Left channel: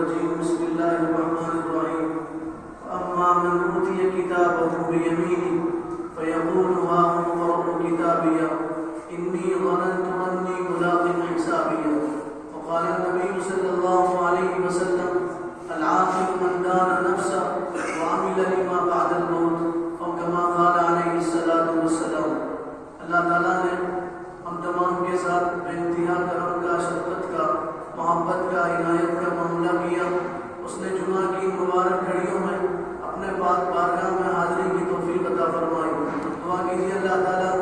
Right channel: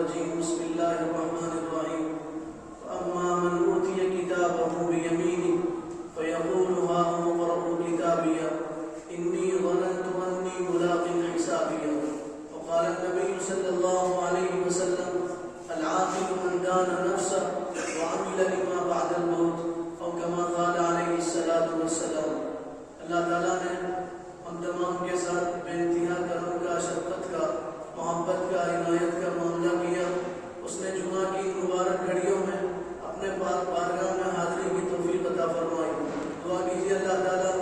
الرجيم بسم الله الرحمن الرحيم فأما من أوتي كتابه بيمينه فيقول هاؤم اقرءوا كتابيه إني ظننت أني ملاق حسابيه وقال النبي صلى الله عليه وسلم العاقل من دان نفسه وعمل لما بعد الموت أو كما قال عليه الصلاة والسلام. اللہ تعالیٰ نے ہم تمام کے ساتھ بے انتہا کرم کا، شفقت کا، محبت کا، عنایت کا معاملہ کیا. اس نے جمعہ کی مبارک گھڑیوں میں اپنے پاک بارگاہ میں حاضری کی توفیق عطا فرمائی. دعا کیجیے اللہ تعالیٰ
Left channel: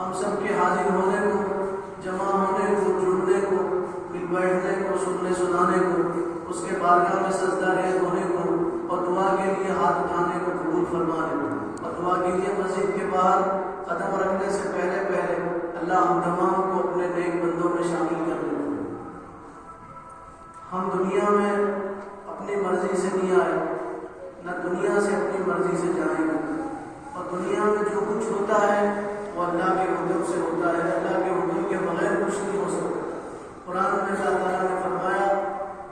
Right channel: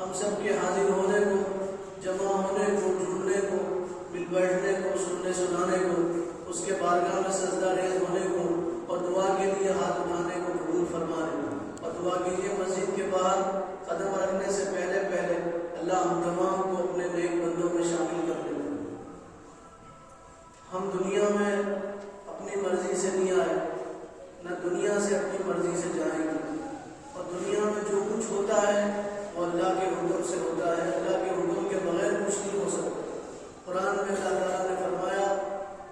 ہم سب کے حاضر ہونے کو، جمع ہونے کو، جڑنے کو، مل بیٹھنے کو، سننے سنانے کو، اس کے بارگاہ میں سجدہ ریز ہونے کو اور دعا کے لیے ہاتھ اٹھانے کو قبول فرما لے. اور دعا کیجیے مسجد کے باہر قدم رکھنے سے پہلے اللہ ہم تمام کو اپنے نیک بندوں میں شامل کر لے. ہم دنیا میں اپنی مرضی سے نہیں آئے، نہ دنیا سے اپنی مرضی سے جائیں گے. اور دنیا میں جو کچھ ہوتا ہے وہ اللہ کے حکم سے ہوتا ہے. اللہ کے حکم کے بغیر کچھ نہیں ہو سکتا. قرآن میں اللہ تعالیٰ نے فرمایا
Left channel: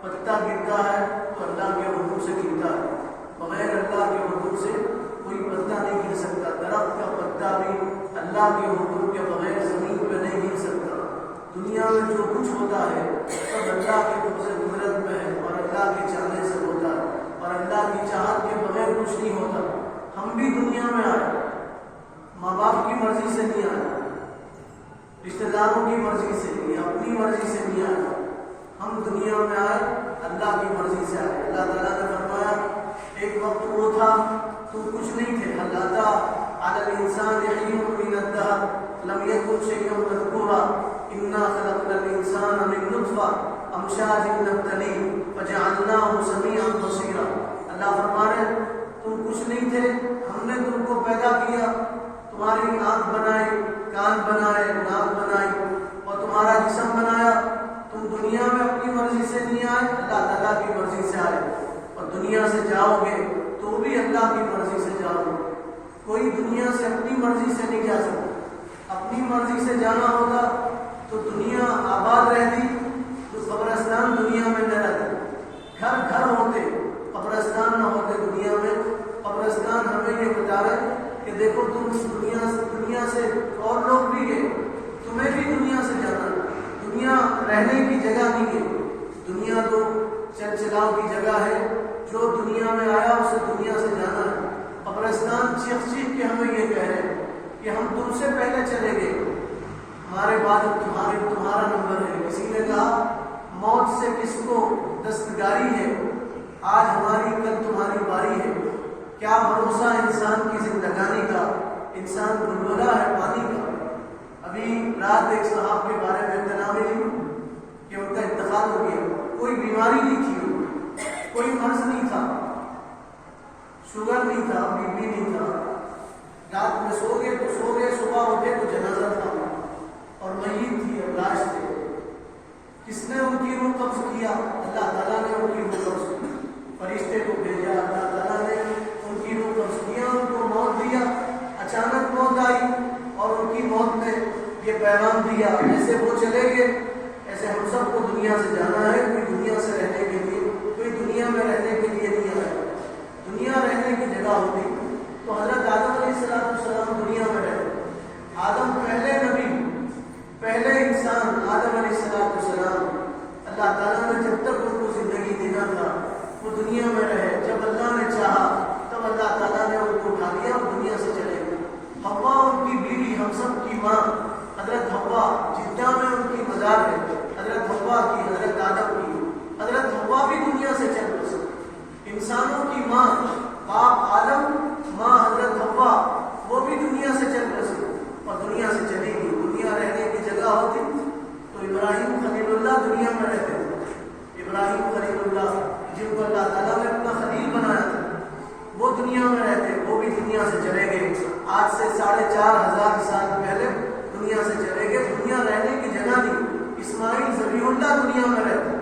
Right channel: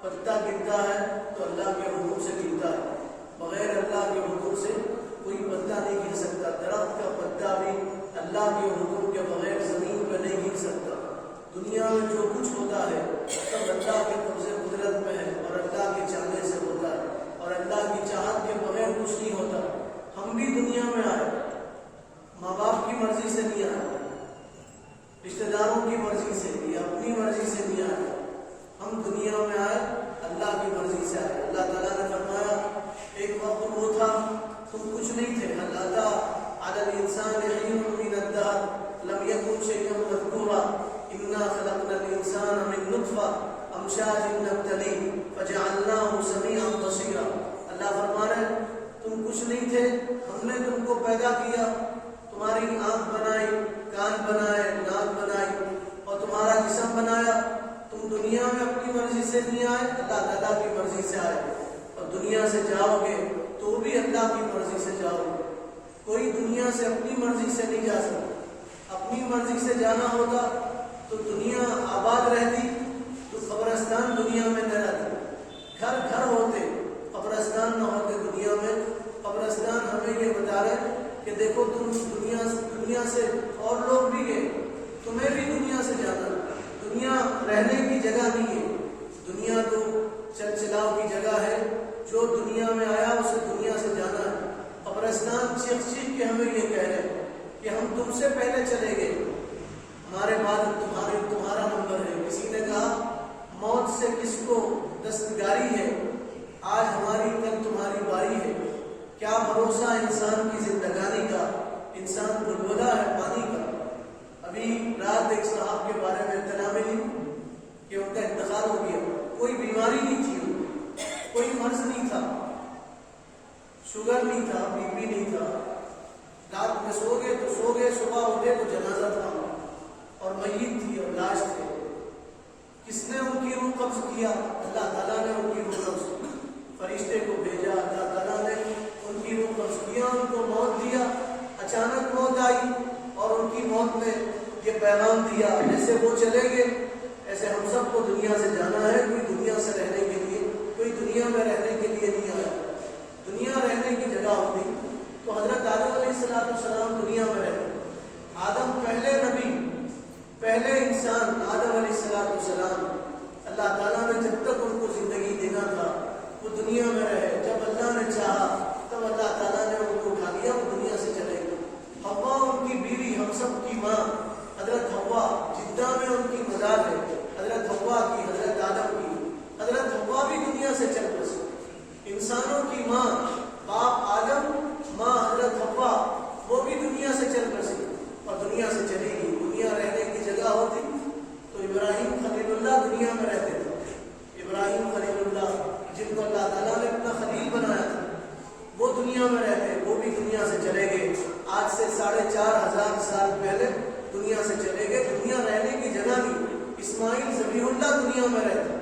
پتا گرتا ہے تو اللہ کے حکم سے گرتا ہے، بغیر اللہ کے حکم سے کوئی پتا نہیں گر سکتا. درخت کا پتا بھی اللہ کے حکم کے بغیر زمین پہ نہیں گر سکتا. دنیا میں جو کچھ ہوتا ہے سب اللہ کے قبضے قدرت میں ہے اور اللہ کے چاہنے سے ہوتا ہے، اور اللہ کی چاہت کے بغیر کچھ نہیں ہوتا. ہم بھی دنیا میں آئے، ماں باپ کی مرضی سے نہیں آئے، رشتہ داروں کی مرضی سے یا اپنی مرضی سے نہیں آئے. ہم دنیا میں آئے اللہ کی مرضی سے آئے. اللہ تعالیٰ نے فرمایا ایک وقت وہ تھا تم کچھ نہیں تھے. اللہ تعالیٰ علی الانسان حین من الدہر لم یکن شیئا مذکورا انا خلقنا الانسان من نطفہ امشاج نبتلیہ فجعلناہ سمیعا بصیرا. اللہ فرما رہے تم کچھ نہیں تھے، ہم نے تم کو پیدا کیا، تمہاری آنکھ بنائی، کان بنائے، ناک بنائی اور تمہارا جسم بنایا. تم دنیا میں اپنی مرضی سے نہیں آئے، اللہ تعالیٰ کی مرضی سے آئے. اور دنیا سے جاؤ گے تو بھی اللہ کی مرضی سے جاؤ گے. کوئی دنیا سے اپنی مرضی سے نہیں جا سکتا. اپنی مرضی سے جانا ہوتا تو دنیا آباد رہتی تو قبرستان دنیا میں نہ رہتے. گھر گھر ہوتے، قبرستان نہ ہوتے دنیا میں. قبرستان ہمیں یہ بتا رہے کہ دیکھو تم دنیا سے اور لوگ بھی گئے، تمہیں بھی دنیا سے جانا. دنیا رہنے کی جگہ نہیں ہے، دنیا تو چل چلاؤ کی جگہ ہے. جو دنیا میں آیا اسے دنیا سے جانا ہے. قبرستان چیخ چیخ کے ہمیں یہ کہہ رہے ہیں کہ ہم تم سے پہلے چلے گئے، ہمارے بعد تمہارا نمبر ہے. کسی نے کہا موت سے کس کو دستگاری ہے، آج ہماری کل تمہاری باری ہے. کیا بھروسہ انسان کی زندگانی کا، انسان بلبلا ہے پانی کا. ابھی رات ایک صاحب کے بارے میں اطلاع ملی کہ ان کا انتقال ہو گیا. کوئی بیماری نہیں تھی، کوئی مرض نہیں تھا، شوگر نہیں تھا، بی پی نہیں تھا. رات میں سو گئے تو سو گئے، صبح اٹھے تو جنازہ تھا اور میت تھی اور لاش تھے. کس نے ان کی روح قبض کیا؟ اللہ تعالیٰ نے ان کی روح قبض کی. فرشتے کو بھیجا، اللہ تعالیٰ نے ان کی روح قبض کیا، ان کو موت دیا. اچانک موت آئی اور ان کی موت نے یہ پیغام دیا جیسے وہ چلے گئے ایسے ہم سب کو دنیا سے جانا ہے. کوئی دنیا سے رہنے کے لیے، کوئی دنیا میں رہنے کے لیے نہیں آیا. دنیا رہنے کی جگہ ہوتی تو حضرت آدم علیہ السلام دنیا میں رہے. آدم پہلے نبی، پہلے انسان آدم علیہ السلام. اللہ تعالیٰ نے جب تک ان کو زندگی دینا تھا وہ دنیا میں رہے. جب اللہ نے چاہا تب اللہ تعالیٰ نے ان کو اٹھا لیا اور دنیا سے چلے گئے. حوا ان کی بیوی، ہم سب کی ماں حضرت حوا، جدہ میں ان کی مزار ہے. حضرت حوا کی، حضرت آدم کی. حضرت حوا بھی دنیا سے چل بسے. انسانوں کی ماں باپ آدم، ماں حضرت حوا، وہ بھی دنیا سے چل بسے اور دنیا سے چلی گئی. دنیا رہنے کی جگہ ہوتی تو ابراہیم خلیل اللہ دنیا میں رہتے تھے. ابراہیم خلیل اللہ جن کو اللہ تعالیٰ نے اپنا خلیل بنایا تھا وہ دنیا میں رہتے، وہ بھی دنیا سے چلے گئے. آج سے 4500 سال پہلے دنیا سے چلے گئے. دنیا رہنے کی جگہ نہیں. اسماعیل ذبیح اللہ دنیا میں رہتے،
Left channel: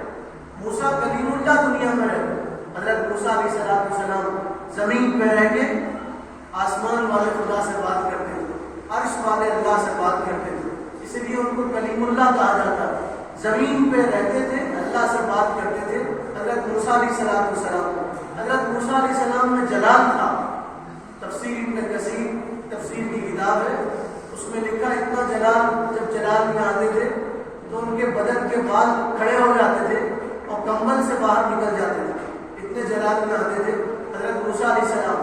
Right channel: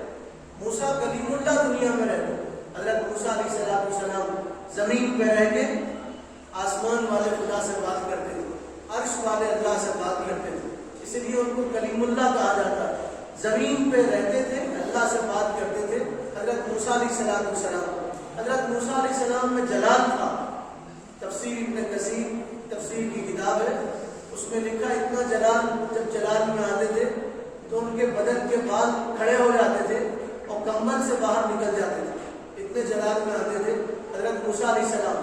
موسیٰ کلیم اللہ دنیا میں رہتے. حضرت موسیٰ علیہ السلام زمین پہ رہ کے آسمان والے خدا سے بات کرتے تھے، عرش والے اللہ سے بات کرتے تھے. اس لیے ان کو کلیم اللہ کہا جاتا ہے. زمین پہ رہتے تھے، اللہ سے بات کرتے تھے. حضرت موسیٰ موسیٰ علیہ السلام، حضرت موسیٰ علیہ السلام میں جلال تھا. تفسیر ابن کثیر تفسیر کی کتاب ہے، اس میں لکھا اتنا جلال، جب جلال میں آتے تھے تو ان کے بدن کے بال کھڑے ہو جاتے تھے اور کمبل سے باہر نکل جاتے تھے، اتنے جلال میں آتے تھے حضرت موسیٰ علیہ السلام.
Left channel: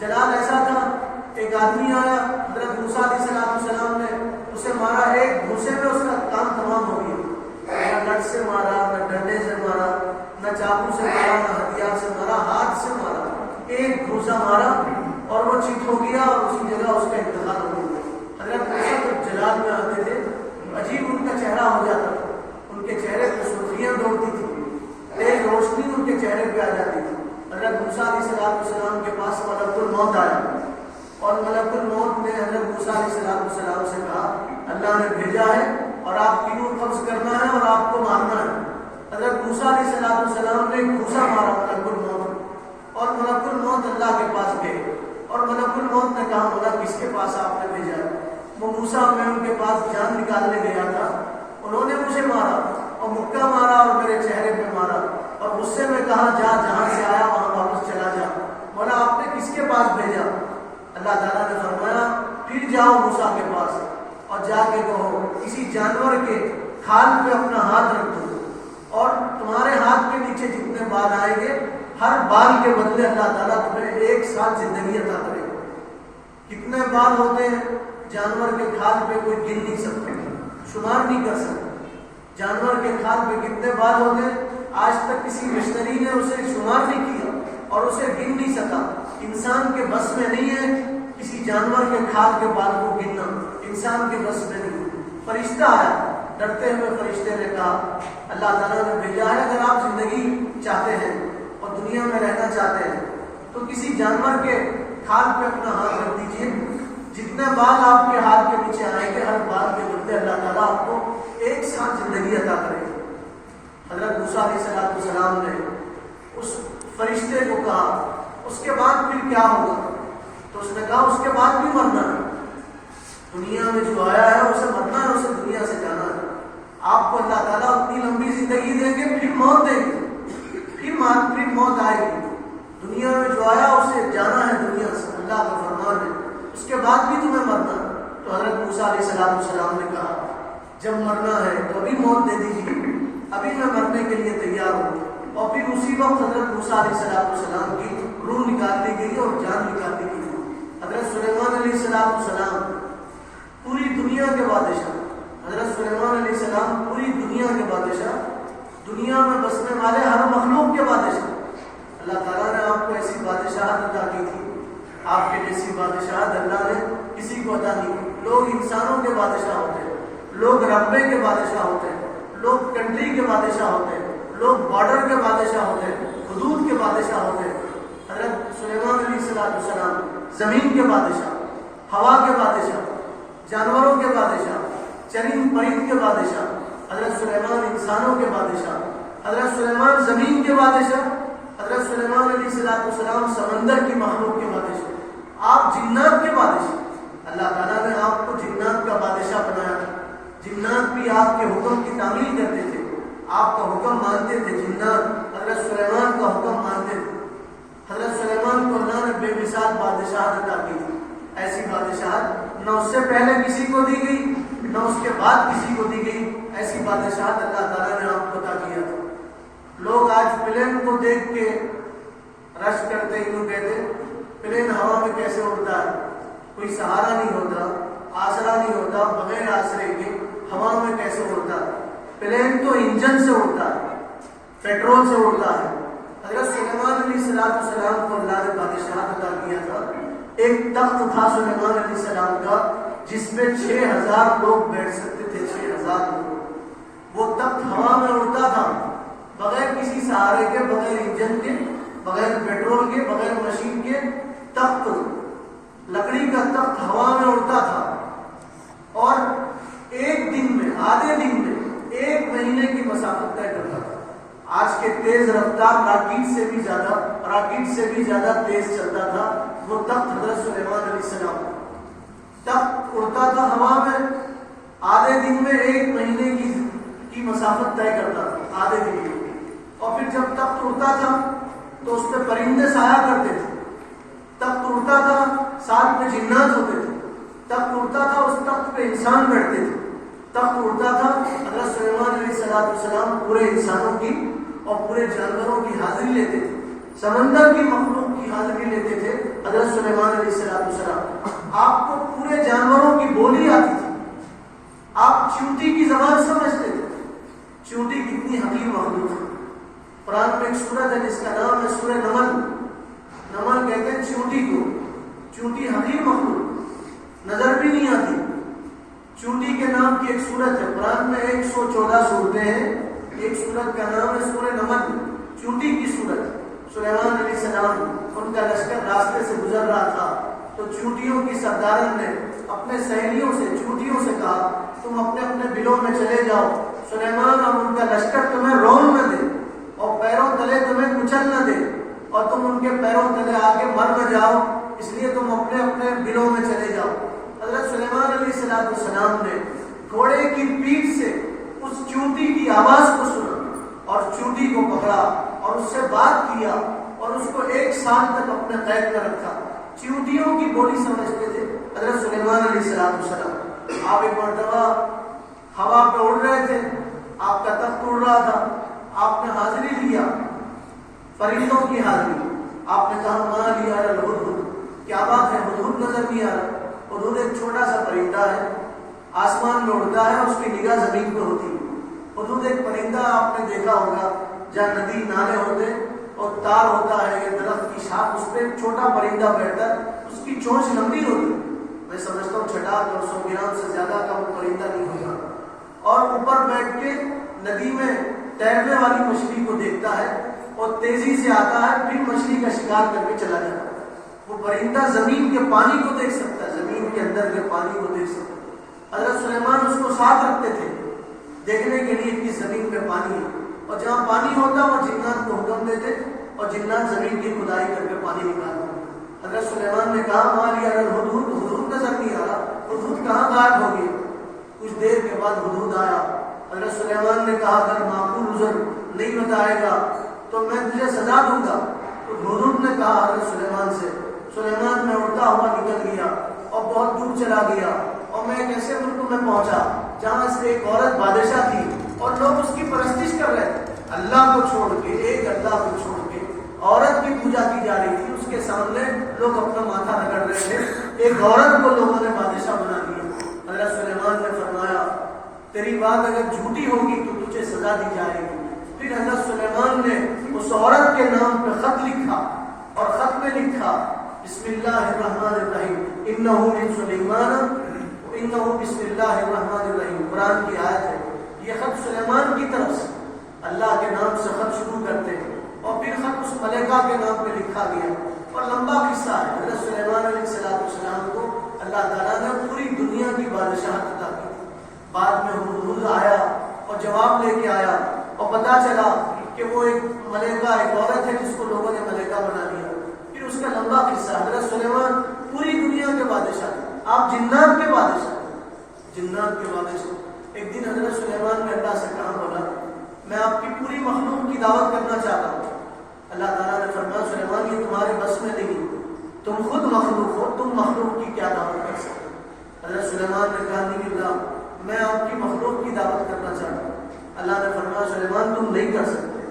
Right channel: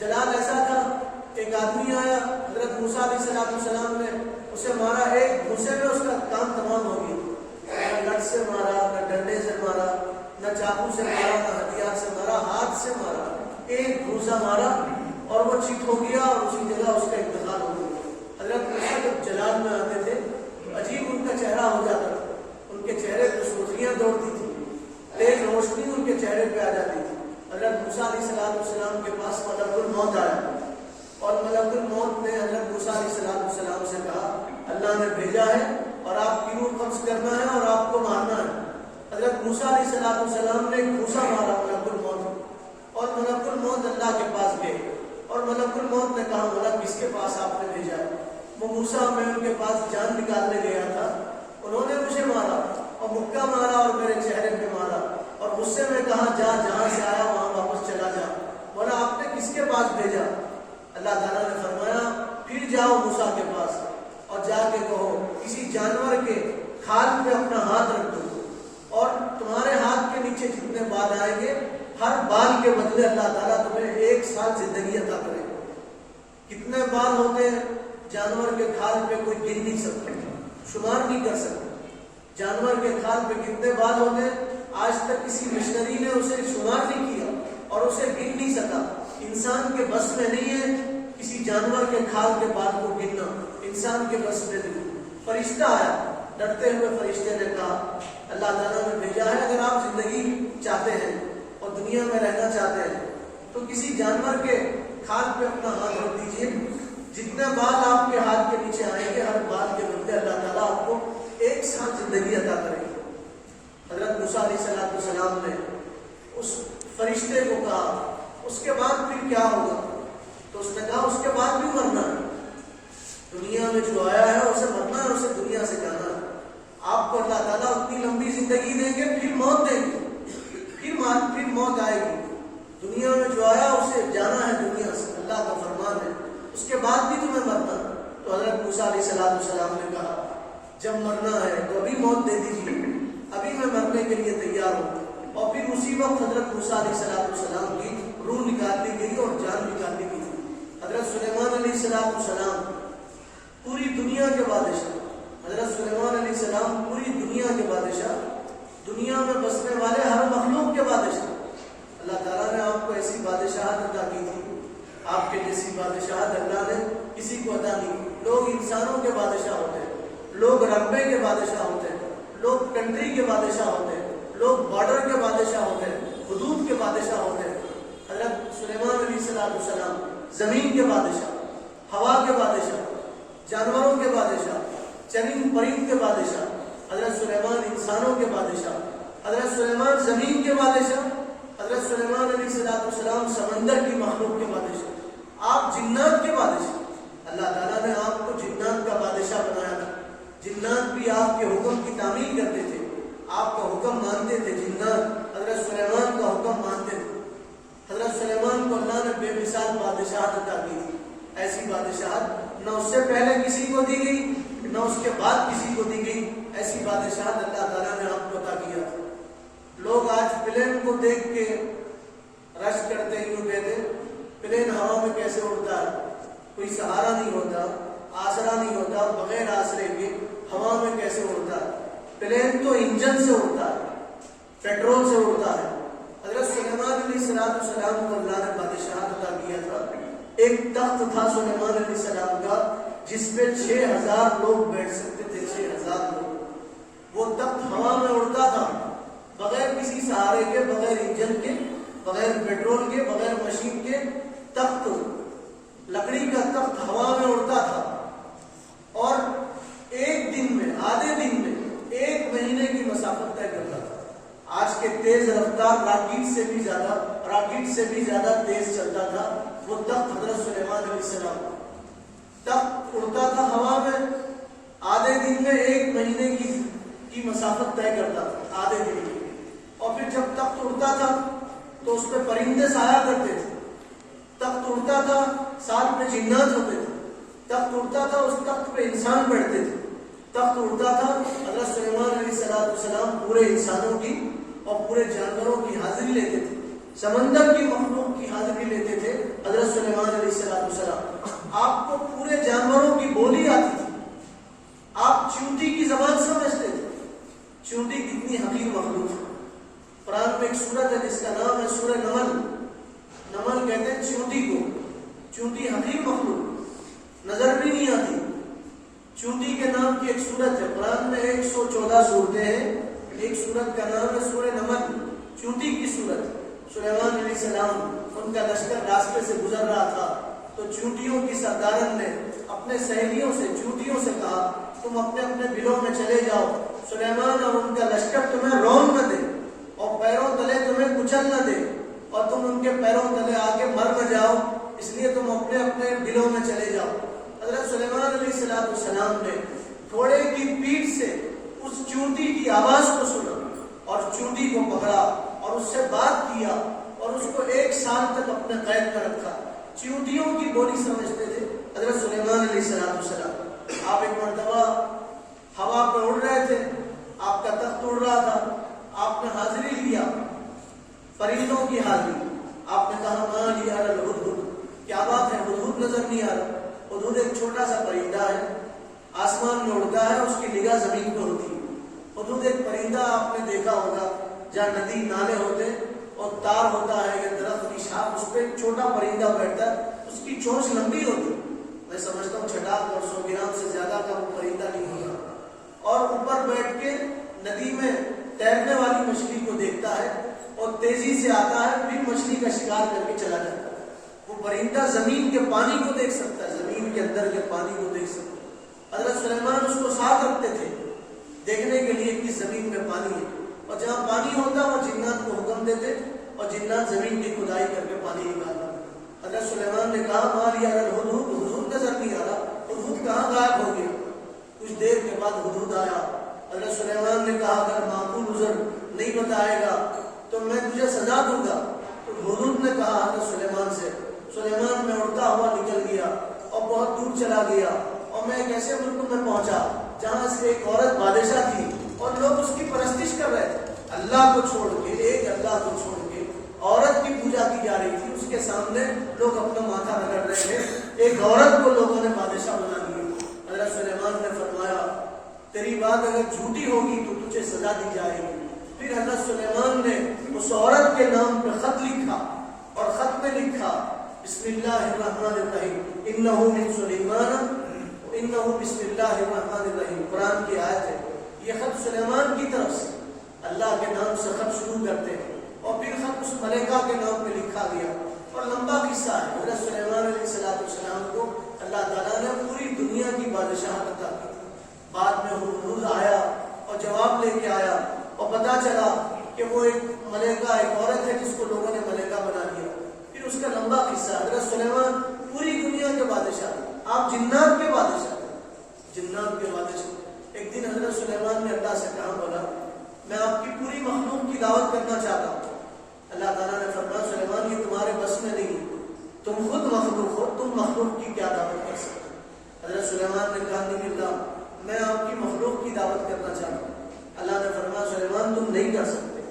جلال ایسا تھا، ایک آدمی آیا، حضرت موسیٰ علیہ السلام نے اسے مارا، ایک گھوسے میں اس کا کام تمام ہو گیا. نہ لٹ سے مارا، نہ ڈنڈے سے مارا، نہ چاقو سے مارا، نہ ہتھیار سے مارا، ہاتھ سے مارا، ایک گھوسا مارا اور وہ چیت ہو گیا اور اسی جگہ اس کا انتقال ہو گیا. حضرت موسیٰ جب جلال میں آتے تھے عجیب ان کا چہرہ ہو جاتا تھا، ان کے چہرے پہ سرخیاں دوڑتی تھی، تیز روشنی ان کے چہرے پہ آ جاتی تھی. حضرت موسیٰ علیہ السلام کے پاس ملک الموت آیا اور ملک الموت نے حضرت موسیٰ علیہ السلام سے کہا اللہ نے بھیجا ہے اور آپ کی روح قبض کرنا ہے اور آپ کو مارنا ہے. حضرت موسیٰ علیہ السلام نے گھوسا مارا ملک الموت، اور ملک الموت اللہ کے پاس گئے اور ملک الموت نے کہا مولا کس کے پاس آپ نے بھیجا ہے؟ وہ موسیٰ میں ان کے پاس جان نکالنے گیا تھا، انہوں نے مجھے مارا اور مکہ مارا اور میرے چہرے پہ مارا اور غصے میں کہا جا جہاں سے آیا وہاں واپس چلا جا. مولا آپ نے کس کے پاس بھیجا؟ اللہ تعالیٰ نے فرمایا پھر جاؤ موسیٰ کے پاس اور جا کے کہو کسی جانور کے کھال پہ اپنا ہاتھ رکھ دو اور تمہارے ہاتھ کے نیچے جتنے بال آئیں گے ہر بال کے بدلے اللہ تعالیٰ تمہیں 1 سال زندگی عطا کرے گا. کتنے بال ہوتے ہیں جانور کے کھال پہ کوئی گن نہیں سکتا، شمار نہیں کر سکتا. جانور کے کھال پہ کتنے بال ہوتے ہیں آج تک کسی مشنری نے اسے شمار نہیں کیا اور اسے گن نہیں سکا. انسان کے بس میں نہیں ہے کسی جانور کے کھال کے بال کو گننا، انسان کے بس میں نہیں. فرشتہ آیا، ڈرتے ہوئے فرشتے نے کہا اللہ تعالیٰ نے بھیجا ہے اگر آپ زندگی چاہتے ہیں اور دنیا میں رہنا چاہتے ہیں تو کسی جانور کے کھال پہ اپنا ہاتھ رکھ دیجئے، جتنے بال آپ کے ہاتھ کے نیچے آئیں گے ہر بال کے بدلے اللہ تعالیٰ آپ کو 1 سال زندگی عطا کرے گا. حضرت موسیٰ علیہ السلام نے اس فرشتے کو کہا اس کے بعد پھر کیا ہوگا؟ تو اس نے کہا اس کے بعد بھی مرنا ہے، دنیا میں جو آیا ہے اسے مرنا ہے، اسے دنیا سے جانا ہے. آپ کو اللہ تعالیٰ اتنی لمبی زندگی دیں گے پھر موت دیں گے، پھر موت آئے گی. دنیا میں جو آیا اسے جانا ہے دنیا سے، اللہ کا فرمان ہے، اس کے بعد بھی تمہیں مرنا ہے. تو حضرت موسیٰ علیہ السلام نے کہا جب مرنا ہے تو ابھی موت دے دیجیے، ابھی میں مرنے کے لیے تیار ہوں. اور پھر اسی وقت حضرت موسیٰ علیہ السلام کی روح نکال لی گئی اور جان نکال لی گئی. حضرت سلیمان علیہ السلام پوری دنیا کے بادشاہ، حضرت سلیمان علیہ السلام پوری دنیا کے بادشاہ، دنیا میں بسنے والے ہر مخلوق کے بادشاہ. اللہ تعالیٰ نے آپ کو ایسی بادشاہت عطا کی تھی، آپ کے جیسی بادشاہت اللہ نے کسی کو عطا نہیں کی. لوگ انسانوں کے بادشاہ ہوتے ہیں، لوگ رقبے کے بادشاہ ہوتے ہیں، لوگ کنٹری کے بادشاہ ہوتے ہیں، لوگ بارڈر کے بادشاہ ہوتے ہیں، حدود کے بادشاہ ہوتے ہیں. حضرت سلیمان علیہ السلام زمین کے بادشاہ، ہوا کے بادشاہ، جانوروں کے بادشاہ، چرند پرند کے بادشاہ. حضرت سلیمان انسانوں کے بادشاہ، حضرت سلیمان زمین کے بادشاہ، حضرت سلیمان علیہ السلام سمندر کی مخلوق کے بادشاہ، آپ جنات کے بادشاہ. اللہ تعالیٰ نے آپ کو جنات کا بادشاہ بنایا تھا. جنات بھی آپ کے حکم کی تعمیل کرتے تھے، آپ کا حکم مانتے تھے. جنات حضرت سلیمان کا حکم مانتے تھے. حضرت سلیمان کو اللہ نے بے مثال بادشاہت عطا کی تھی. ایسی بادشاہت نہ اس سے پہلے کسی کو دی گئی نہ اس کے بعد کسی کو دی گئی. ایسی بادشاہت اللہ تعالیٰ نے آپ کو عطا کیا تھا. لوگ آج پلین کو دیکھ کے رشک کرتے یوں کہتے پلین ہوا میں کیسے اڑتا ہے، کوئی سہارا نہیں ہوتا، آسرا نہیں ہوتا، بغیر آسرے کے ہوا میں کیسے اڑتا ہے. پلین تو انجن سے اڑتا ہے، پیٹرول سے اڑتا ہے. حضرت سلیمان علیہ السلام کو اللہ نے بادشاہت عطا کیا تھا. ایک تخت تھا سلیمان علیہ السلام کا جس پہ 6000 لوگ بیٹھ سکتے تھے. 6000 لوگ. وہ تخت ہوا میں اڑتا تھا بغیر کسی سہارے کے، بغیر انجن کے، بغیر پیٹرول کے، بغیر مشین کے. تخت لکڑی کا تخت ہوا میں اڑتا تھا اور ایک دن میں، آدھے دن میں 1 مہینے کی مسافت طے کرتا تھا. آج کے تیز رفتار راکٹ سے بھی زیادہ تیز چلتا تھا وہ تخت. حضرت سلیمان علیہ السلام تخت اڑتا تھا ہوا میں، آدھے دن میں 1 مہینے کی مسافت طے کرتا تھا، آدھے دن میں. اور پھر جب تخت اڑتا تھا تو اس پہ پرندے سایہ کرتے تھے. تخت اڑتا تھا ساتھ میں جنات ہوتے تھے. تخت اڑتا تھا اس تخت پہ انسان بیٹھتے تھے. تخت اڑتا تھا حضرت سلیمان علیہ السلام پورے انسانوں کی اور پورے جانوروں کی حاضری لیتے تھے. سمندر کی مخلوق کی حاضری لیتے تھے حضرت سلیمان علیہ السلام. آپ کو پورے جانوروں کی بولی آتی تھی. آپ چیونٹی کی زبان سمجھتے تھے. چیونٹی کتنی حقیر مخلوق ہے. قرآن میں ایک سورت ہے جس کا نام ہے سورہ نمل. نمل کہتے ہیں چیونٹی کو. چیونٹی حقیر مخلوق نظر بھی نہیں آتی. چیونٹی کے نام کی ایک سورت ہے قرآن میں 114 سورتیں ہیں. ایک سورت کا نام ہے سورہ نمل, چیونٹی کی سورت. سلیمان علیہ السلام ان کا لشکر راستے سے گزر رہا تھا تو چیونٹیوں کی سردارن نے اپنے سہیلیوں سے چیونٹیوں سے کہا تم اپنے اپنے بلوں میں چلے جاؤ. سلیمان اور ان کا لشکر تمہیں رون نہ دے اور پیروں تلے تمہیں کچل نہ دے اور تم ان کے پیروں تلے آ کے مر نہ جاؤ, اس لیے تم اپنے اپنے بلوں میں چلے جاؤ. حضرت سلیمان علیہ السلام نے گھوڑے کی پیٹھ سے اس چیونٹی کی آواز کو سنا اور چیونٹی کو پکڑا اور اس سے بات کیا اور اس کو 1 سال تک اپنے قید میں رکھا. چیونٹیوں کی بولی سمجھتے تھے حضرت سلیمان علیہ السلام. آپ ایک مرتبہ ہوا پہ اڑ رہے تھے, آپ کا تخت اڑ رہا تھا, آپ نے حاضری لیا پرندوں کی حاضری. آپ نے کہا ماں لیا الہدہد, کیا بات ہے ہدہد نظر نہیں آ رہا. ہدہد ایک چھوٹا سا پرندہ ہے, آسمان میں اڑتا ہے, اس کی نگاہ زمین پہ ہوتی ہے. ہدہد ایک پرندہ آپ نے دیکھا ہوگا جہاں ندی نالے ہوتے اور تار ہوتا ہے یا درخت کی شاخ, اس پہ ایک چھوٹا پرندہ بیٹھتا ہے, اس کی چونچ لمبی ہوتی ہے. میں سمجھتا ہوں 6 اور 100 گرام سے زیادہ کا وہ پرندہ نہیں ہوگا, اور اوپر بیٹھ کے ندی میں تیرنے والی مچھلی کو دیکھتا ہے اور تیزی سے آتا ہے, پھر مچھلی کا شکار کر کے چلا جاتا ہے. وہ پرندہ زمین کے پانی کو دیکھ سکتا ہے, زمین کے اندر کے پانی کو دیکھ سکتا ہے. حضرت سلیمان اس کو ساتھ رکھتے تھے دیکھنے کے لیے کہ زمین میں پانی ہے, اور جہاں پانی ہوتا وہ جنات کو حکم دیتے اور جنات زمین کی کھدائی کر کے پانی نکالتے. حضرت سلیمان نے کہا ماں لیا الہدہد, ہدہد نظر نہیں آ رہا, ہدہد کہاں غائب ہو گیا. کچھ دیر کے بعد ہدہد آیا. حضرت سلیمان نے کہا اگر معقول عذر نہیں بتائے گا تو میں تجھے سزا دوں گا. تو ہدہد نے کہا حضرت سلیمان سے, سلیمان میں اڑتا ہوا نکل گیا اور بہت دور چلا گیا, اور میں ایک ایسے ملک میں پہنچا جہاں سے ایک عورت بادشاہ تھی اور لوگ اس کی پرستش کر رہے تھے. اللہ کو چھوڑ کے, ایک اللہ کو چھوڑ کے عورت کی پوجا کی جا رہی تھی. اس کے سامنے لوگ اپنا ماتھا رگڑ رہے تھے. ایک عورت کو لوگوں نے بادشاہ بنا دیا. حضرت سلیمان نے فرمایا تیری بات اگر جھوٹی ہوگی تو تجھے سزا دی جائے گی. پھر حضرت سلیمان نے اس عورت کے نام پہ خط لکھا اور خط میں لکھا بسم اللہ الرحمن الرحیم انہ من سلیمان انہ بسم اللہ الرحمن الرحیم. قرآن کی آیت ہے. یہ خط سلیمان کی طرف سے اللہ کے نام سے خط شروع کرتے ہیں اور پھر خط اس ملکہ کے نام پہ لکھا گیا اور لمبا قصہ ہے. حضرت سلیمان علیہ السلام کو اللہ تعالیٰ نے پوری دنیا کی بادشاہت عطا کی. بعد میں ہدہد آیا اور جواب لے کے آیا اور پتا چلا کہ وہ ایک ملکہ, ایک عورت ہے جس کو لوگوں نے ملکہ بنا دیا. پھر اس کا لمبا قصہ. حضرت سلیمان پوری دنیا کے بادشاہ, آپ جنات کے بادشاہ, جنات کے بادشاہ. ایک دن حضرت سلیمان نے اللہ سے کہا بولا میں آپ کی پوری مخلوق کی دعوت کرنا چاہتا ہوں. اللہ تعالیٰ نے فرمایا سلیمان یہ تمہارے بس میں نہیں, تم خود مخلوق ہو, تم مخلوق کی کیا دعوت کر سکتے. حضرت سلیمان نے کہا نہیں اللہ میں آپ کی مخلوق کی دعوت کرنا چاہتا ہوں. اللہ نے فرمایا سلیمان تم نہیں کر سکتے,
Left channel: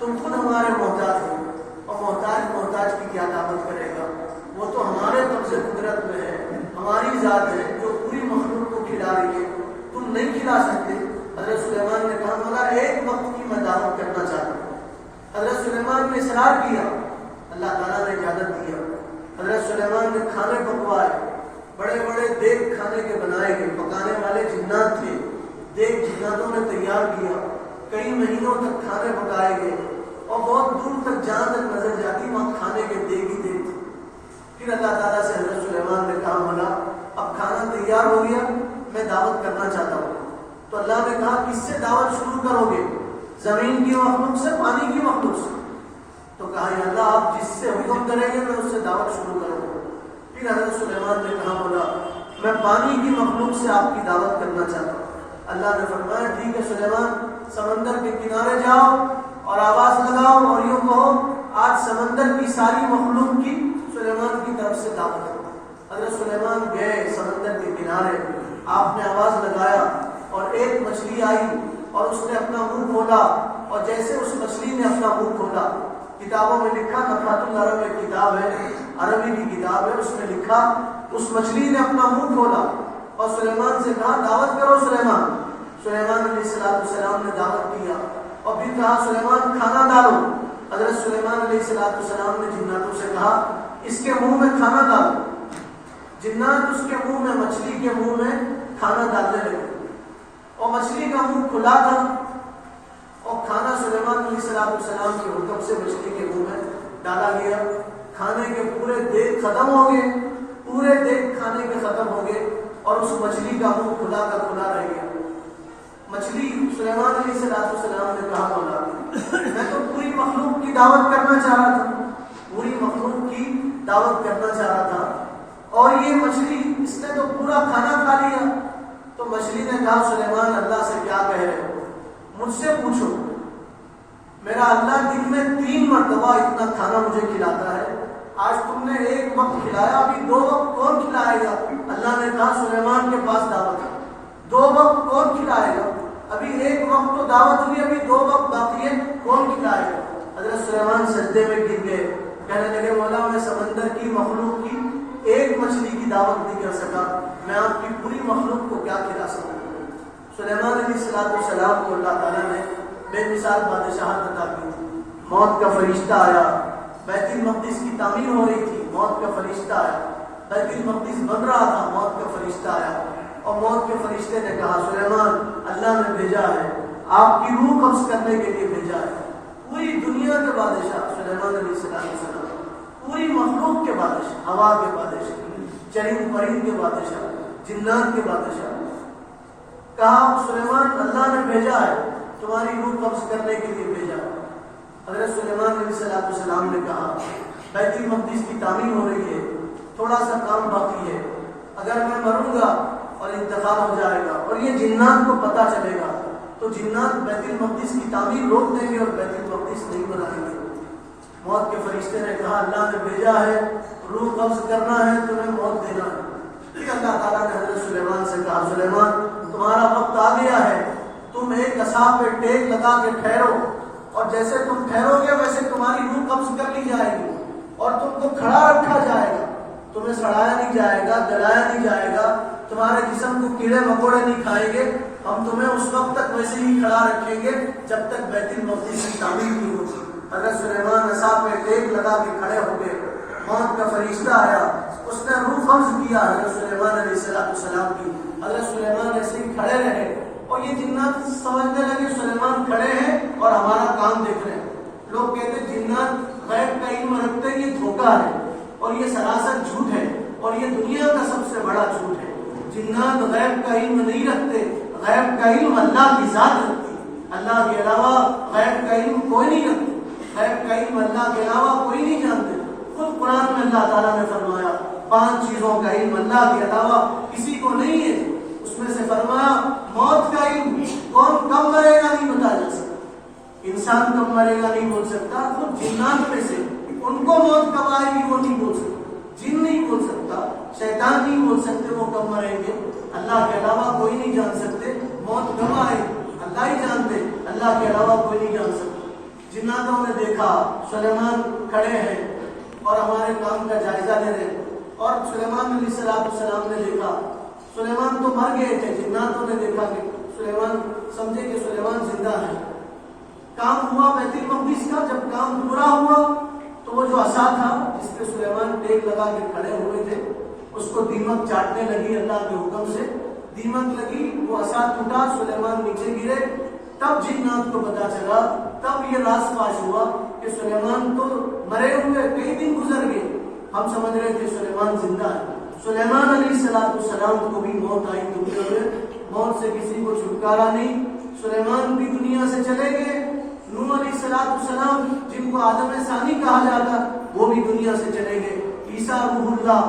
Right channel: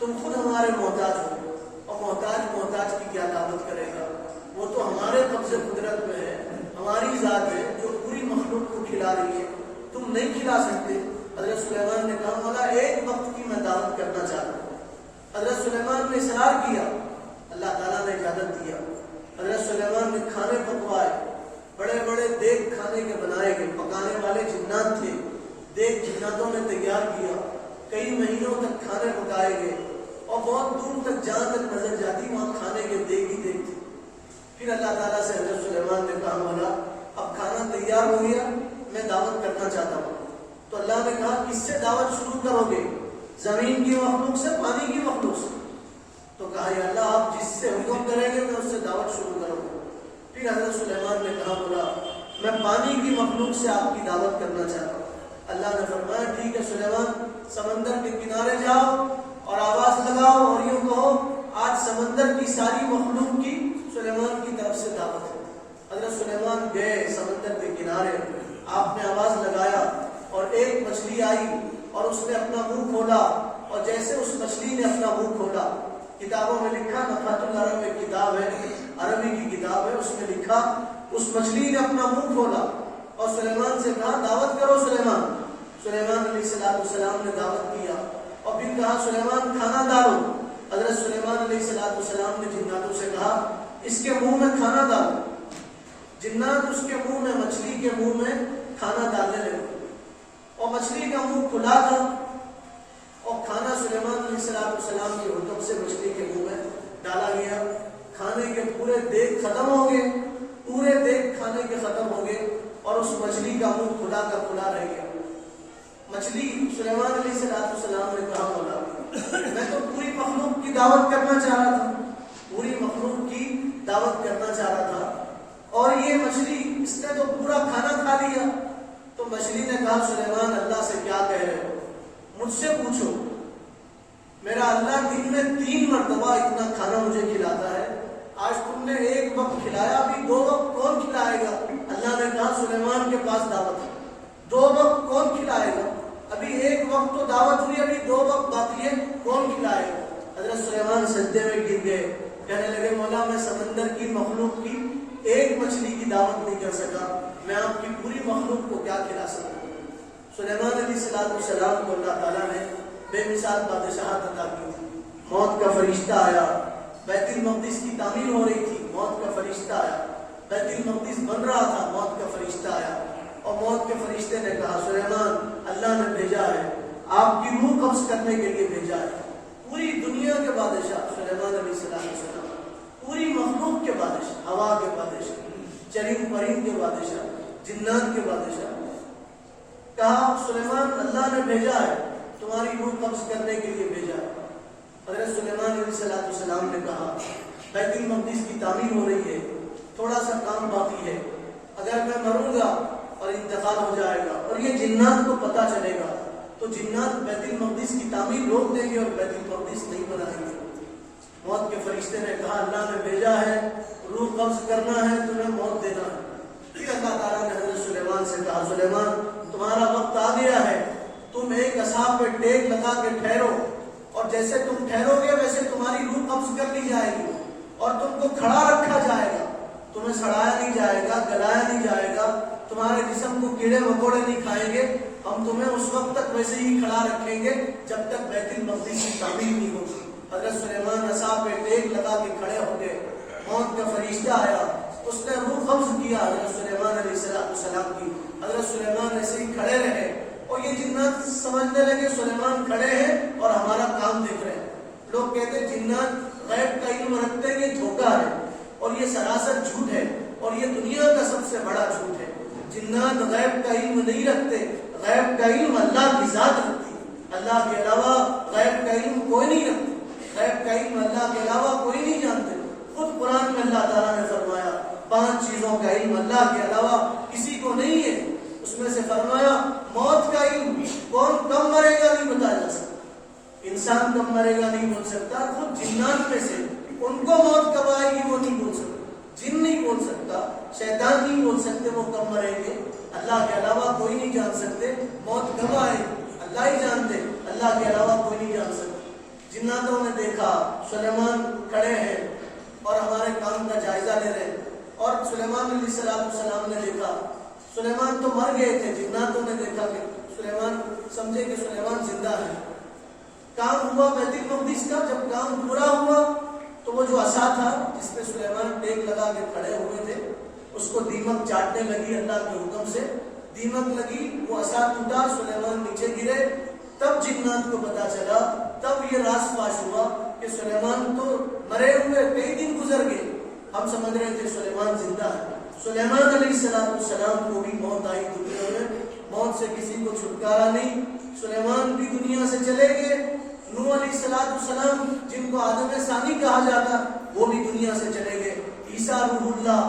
تم خود ہمارے محتاج ہو, اور محتاج کی کیا دعوت کرے گا. وہ تو ہمارے قبض قدرت میں ہے, ہماری ذات ہے جو پوری مخلوق کو کھلا رہی ہے, تم نہیں کھلا سکتے. حضرت سلیمان نے کہا مولا ایک وقت کی میں دعوت کرنا چاہتا ہوں. حضرت سلیمان نے اصرار کیا, اللہ تعالیٰ نے اجازت دیا. حضرت سلیمان نے کھانے پکوائے, بڑے بڑے دیگ کھانے کے بنائے گئے, پکانے والے جنات تھے, دیگ جناتوں نے تیار کیا. کئی مہینوں تک کھانے پکائے گئے اور بہت دور تک جہاں تک نظر جاتی وہاں کھانے کے دیگ ہی دیگ تھے. پھر اللہ تعالیٰ سے حضرت سلیمان نے کہا مولا اب کھانا تیار ہو گیا, میں دعوت کرنا چاہتا ہوں. تو اللہ نے کہا کس سے دعوت شروع کرو گے, زمین کی مخلوق سے, پانی کی مخلوق سے. تو کہا یا اللہ آپ جس سے حکم کریں گے میں اس سے دعوت شروع کروں گا. پھر حضرت سلیمان نے کہا بولا میں پانی کی مخلوق سے آپ کی دعوت کرنا چاہتا ہوں. اللہ نے فرمایا ٹھیک ہے سلیمان, سمندر کے کنارے جاؤ اور آواز لگاؤ اور یوں کہو آج سمندر کی ساری مخلوق کی سلیمان کی طرف سے دعوت ہو۔ حضرت سلیمان گئے سمندر کے کنارے، آپ نے آواز لگایا اور ایک مچھلی آئی اور اس نے اپنا منہ کھولا، اور جیسے اس مچھلی نے اپنا منہ کھولا، کتابوں میں لکھا، نفحات العرب ایک کتاب ہے، عربی کی کتاب ہے، اس میں لکھا اس مچھلی نے اپنا منہ کھولا اور سلیمان سے کہا دعوت کرو سلیمان۔ سلیمان علیہ السلام نے دعوت کیا اور پھر کہا سلیمان کھانا ڈالو۔ حضرت سلیمان علیہ السلام نے جناتوں سے کہا اس کے منہ میں کھانا ڈالو۔ جنات اس کے منہ میں، مچھلی کے منہ میں کھانا ڈالنے لگے اور مچھلی کا منہ کھلا تھا اور کھانا سلیمان علیہ السلام کے حکم سے مچھلی کے منہ میں ڈالا گیا۔ کھانے کے پورے دیگ ختم ہو گئے، پورے دیگ کھانے کے ختم ہو گئے اور اس مچھلی کا منہ کھلا کا کھلا رہ گیا۔ مچھلی سلیمان علیہ السلام نے کہا مولا میں تو پوری مخلوق کی دعوت کرنا چاہ رہا تھا، پوری مخلوق کی دعوت کرنا چاہ رہا تھا اور یہ مچھلی اس نے تو پورا کھانا کھا لیا۔ تو مچھلی نے کہا سلیمان اللہ سے کیا کہہ رہے ہو، مجھ سے پوچھو، میرا اللہ دن میں 3 مرتبہ اتنا کھانا مجھے کھلاتا ہے، آج تم نے ایک وقت کھلایا، ابھی 2 وقت کون کھلائے گا؟ اللہ نے کہا سلیمان کے پاس دعوت ہے، 2 وقت کون کھلائے گا؟ ابھی 1 وقت تو دعوت ہوئی، ابھی 2 وقت باقی ہے، کون کھلائے گا؟ حضرت سلیمان سجدے میں گر گئے، کہنے لگے مولا میں سمندر کی مخلوق کی ایک مچھلی کی دعوت نہیں کر سکا، میں آپ کی پوری مخلوق کو کیا کھلا سکوں؟ سلیمان علیہ السلام کو اللہ تعالیٰ نے بے مثال بادشاہت عطا کی تھی۔ موت کا فرشتہ آیا، بیت المقدس کی تعمیر ہو رہی تھی، موت کا فرشتہ آیا، بیت المقدس بن رہا تھا، موت کا فرشتہ آیا اور موت کے فرشتے نے کہا سلیمان اللہ نے بھیجا ہے، آپ کی روح قبض کرنے کے لیے بھیجا ہے۔ پوری دنیا کے بادشاہ سلیمان علیہ السلام، پوری مخلوق کے بادشاہ، ہوا کے بادشاہ، چرند پرند کے بادشاہ، جنات کے بادشاہ، کہا سلیمان اللہ نے بھیجا ہے، تمہاری روح قبض کرنے کے لیے بھیجا ہے۔ حضرت سلیمان علیہ السلام نے کہا بیت المقدس کی تعمیر ہو رہی ہے، تھوڑا سا کام باقی ہے، اگر میں مروں گا اور انتقال ہو جائے گا اور یہ جنات کو پتہ چلے گا تو جنات بیت المقدس کی تعمیر روک دیں گے اور بیت المقدس نہیں بنائیں گے۔ موت کے فرشتے نے کہا اللہ نے بھیجا ہے، روح قبض کرنا ہے، تمہیں موت دینا ہے۔ پھر اللہ تعالیٰ نے حضرت سلیمان سے کہا سلیمان تمہارا وقت آ گیا ہے، تم ایک عصا پہ ٹیک لگا کے ٹھہرو اور جیسے تم ٹھہرو گے ویسے تمہاری روح قبض کر لی جائے گی اور تم کو کھڑا رکھا جائے گا، تمہیں سڑایا نہیں جائے گا، گلایا نہیں جائے گا، تمہارے جسم کو کیڑے مکوڑے نہیں کھائیں گے، ہم تمہیں اس وقت تک ویسے ہی کھڑا رکھیں گے جب تک بیت المقدس کی تعمیر نہیں ہوگی۔ حضرت سلیمان عصا پہ ٹیک لگا کے کھڑے ہو گئے، موت کا فرشتہ آیا، اس نے روح قبض کیا حضرت سلیمان علیہ السلام کی۔ حضرت سلیمان ایسے ہی کھڑے رہے اور یہ جنات سمجھنے لگے سلیمان کھڑے ہیں اور ہمارا کام دیکھ رہے ہیں۔ لوگ کہتے ہیں جنات غیب کا علم رکھتے ہیں، یہ دھوکہ ہے اور یہ سراسر جھوٹ ہے اور یہ دنیا کا سب سے بڑا جھوٹ ہے۔ جنات غیب کا علم نہیں رکھتے، غیب کا علم اللہ کی ذات رکھتی ہے، اللہ کے علاوہ غیب کا علم کوئی نہیں رکھتی، غیب کا علم اللہ کے علاوہ کوئی نہیں جانتے۔ خود قرآن میں اللہ تعالیٰ نے فرمایا 5 چیزوں کا علم اللہ کے علاوہ کسی کو نہیں ہے، اس میں سے فرمایا موت کا علم، کون کب مرے گا نہیں بتایا جا سکتا، انسان کب مرے گا نہیں بول سکتا، خود جنات میں سے ان کو موت کب آئے گی وہ نہیں بول سکتا، جن نہیں بول سکتا، شیطان نہیں بول سکتے وہ کب مریں گے، اللہ کے علاوہ کوئی نہیں جان سکتے، موت کب آئے اللہ ہی جانتے، اللہ کے علاوہ کوئی نہیں جان سکتا۔ جناتوں نے دیکھا سلیمان کھڑے ہیں اور ہمارے کام کا جائزہ لے رہے ہیں، اور سلیمان علیہ السلام نے دیکھا سلیمان تو مر گئے تھے، جناتوں نے دیکھا کہ سلیمان، سمجھے کہ سلیمان زندہ ہے۔ کام ہوا بیت المقدس کا، جب کام پورا ہوا تو وہ جو عصا تھا جس پہ سلیمان ٹیک لگا کے کھڑے ہوئے تھے اس کو دیمک چاٹنے لگی، اللہ کے حکم سے دیمک لگی، وہ عصا ٹوٹا، سلیمان نیچے گرے۔ تب جنات کو پتا چلا، تب یہ راز فاش ہوا کہ سلیمان تو مرے ہوئے کئی دن گزر گئے، ہم سمجھ رہے تھے سلیمان زندہ ہے۔ سلیمان علیہ السلام کو بھی موت آئی دنیا میں، موت سے کسی کو چھٹکارا نہیں، سلیمان بھی دنیا سے چلے گئے۔ نوح علیہ السلام جن کو آدم ثانی کہا جاتا وہ بھی دنیا سے چلے گئے۔ عیسیٰ روح اللہ،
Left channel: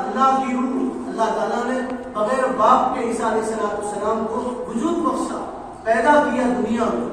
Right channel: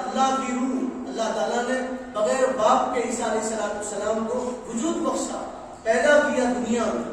اللہ کی روح، اللہ تعالیٰ نے بغیر باپ کے عیسیٰ علیہ السلام کو وجود بخشا، پیدا کیا دنیا میں۔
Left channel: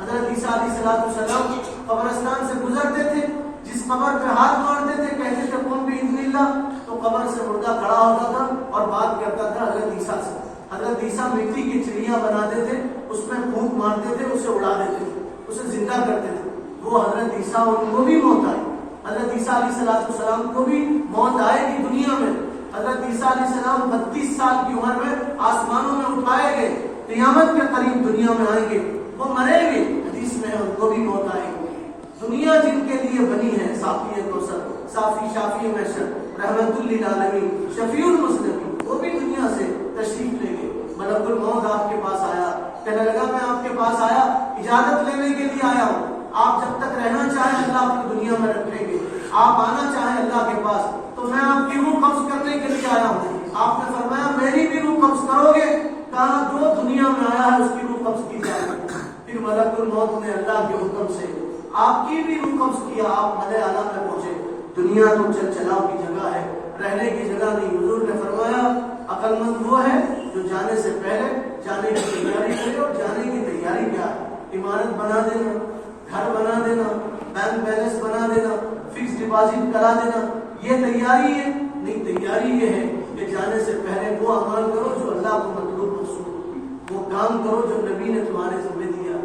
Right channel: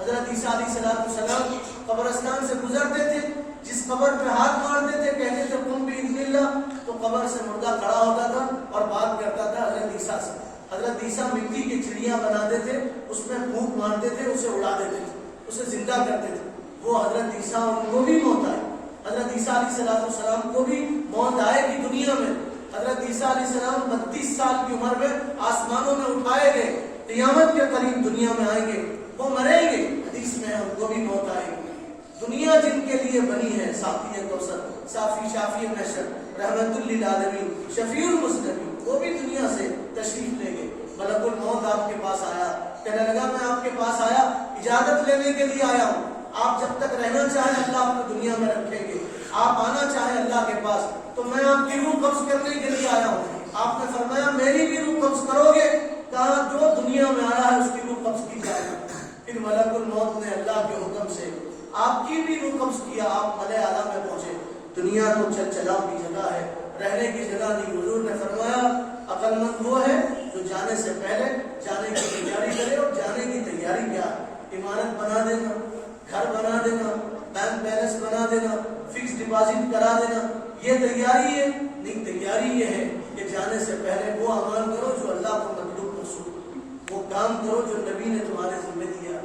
حضرت عیسیٰ علیہ السلام قبرستان سے گزرتے تھے، جس قبر پہ ہاتھ مارتے تھے کہتے تھے قم بإذن اللہ، تو قبر سے مردہ کھڑا ہوتا تھا اور بات کرتا تھا حضرت عیسیٰ سے۔ حضرت عیسیٰ مٹی کی چڑیاں بناتے تھے، اس میں پھونک مارتے تھے، اسے اڑا دیتے تھے، اسے زندہ کرتے تھے۔ وہ حضرت عیسیٰ ان کو بھی موت آئی، حضرت عیسیٰ علیہ السلام کو بھی موت آئے گی دنیا میں۔ حضرت عیسیٰ علیہ السلام 32 سال کی عمر میں آسمانوں میں اٹھائے گئے، قیامت کے قریب دنیا میں آئیں گے، وہ مریں گے، حدیث میں ان کو بھی موت آئے گی۔ دنیا جن کے لیے بنی ہے، صافی کوثر، صافی شافی محشر، رحمت للعالمین، شفیع المسلمین، وہ بھی دنیا سے تشریف لے گئے۔ ملک الموت آپ کے پاس آیا، کہنے لگا میں آپ کے پاس آیا، اجازت لینے کے لیے آیا ہوں، آپ جب تک رہنا چاہیں اللہ آپ کو دنیا میں رکھیں گے، آپ آنا چاہیں اللہ کے پاس تو میں آپ کی روح قبض کرنے کے لیے آیا ہوں۔ آپ نے فرمایا میری بھی روح قبض کرو گے؟ کہا جو دنیا میں آیا ہے اس کی روح قبض کی جائے گی۔ پھر ملک الموت نے اللہ کے حکم سے آپ کی بھی روح قبض کیا، آپ ملائے اعلیٰ میں پہنچے۔ دنیا تو چل چلاؤ کی جگہ ہے، رہنے کی جگہ نہیں۔ حضور نے فرمایا عقل مند وہ ہے جو جانے سے پہلے جانے کی تیاری کرے، اور جانے کی تیاری کیا؟ عمارت بنا دینا، گھر بنا دینا، بینک بیلنس بنا دینا، فکس ڈپازٹ کرا دینا، یہ تیاری ہے؟ نہیں، تیاری یہ ہے کہ جانے سے پہلے وہ عمل کرو جو اللہ کو مطلوب رسول، وہ کام کرو جو نبی نے تمہارے ذمہ دیا،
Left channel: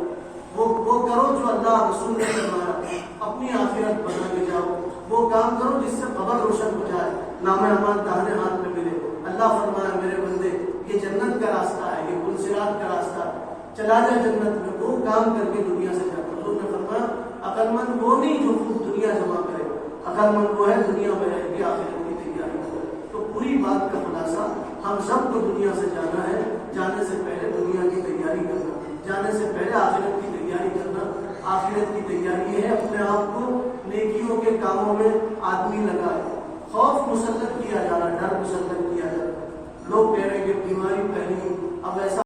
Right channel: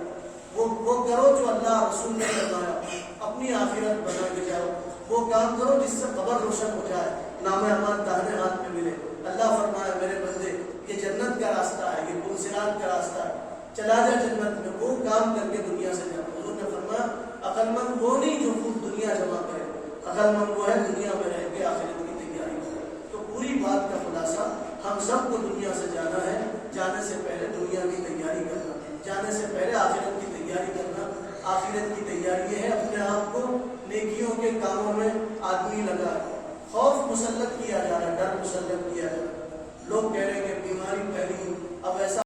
وہ کرو جو اللہ رسول نے فرمایا، اپنی آخرت بنا کے جاؤ، وہ کام کرو جس سے قبر روشن ہو جائے، نام اعمال داہنے ہاتھ میں ملے۔ اللہ فرمایا میرے بندے یہ جنت کا راستہ ہے، یہ پلصراط کا راستہ ہے، چلا جا جنت میں، وہ کام کر کے دنیا سے جا۔ حضور نے فرمایا عقل مند وہ نہیں جو خوب دنیا جمع کرے، عقل مند وہ ہے دنیا میں رہ کے آخرت کی تیاری کرے۔ تو پوری بات کا خلاصہ ہم سب کو دنیا سے جانا ہے، جانے سے پہلے دنیا کی تیاری کرنا، جانے سے پہلے آخرت کی تیاری کرنا۔ آخرت کی تیاری یہ ہے اپنے آپ کو نیکیوں کے کاموں میں آدمی لگائے، خوف مسلط کیا جا رہا، ڈر مسلط کیا جا رہا۔ لوگ کہہ رہے ہیں کہ بیماری پھیلی، اب ایسا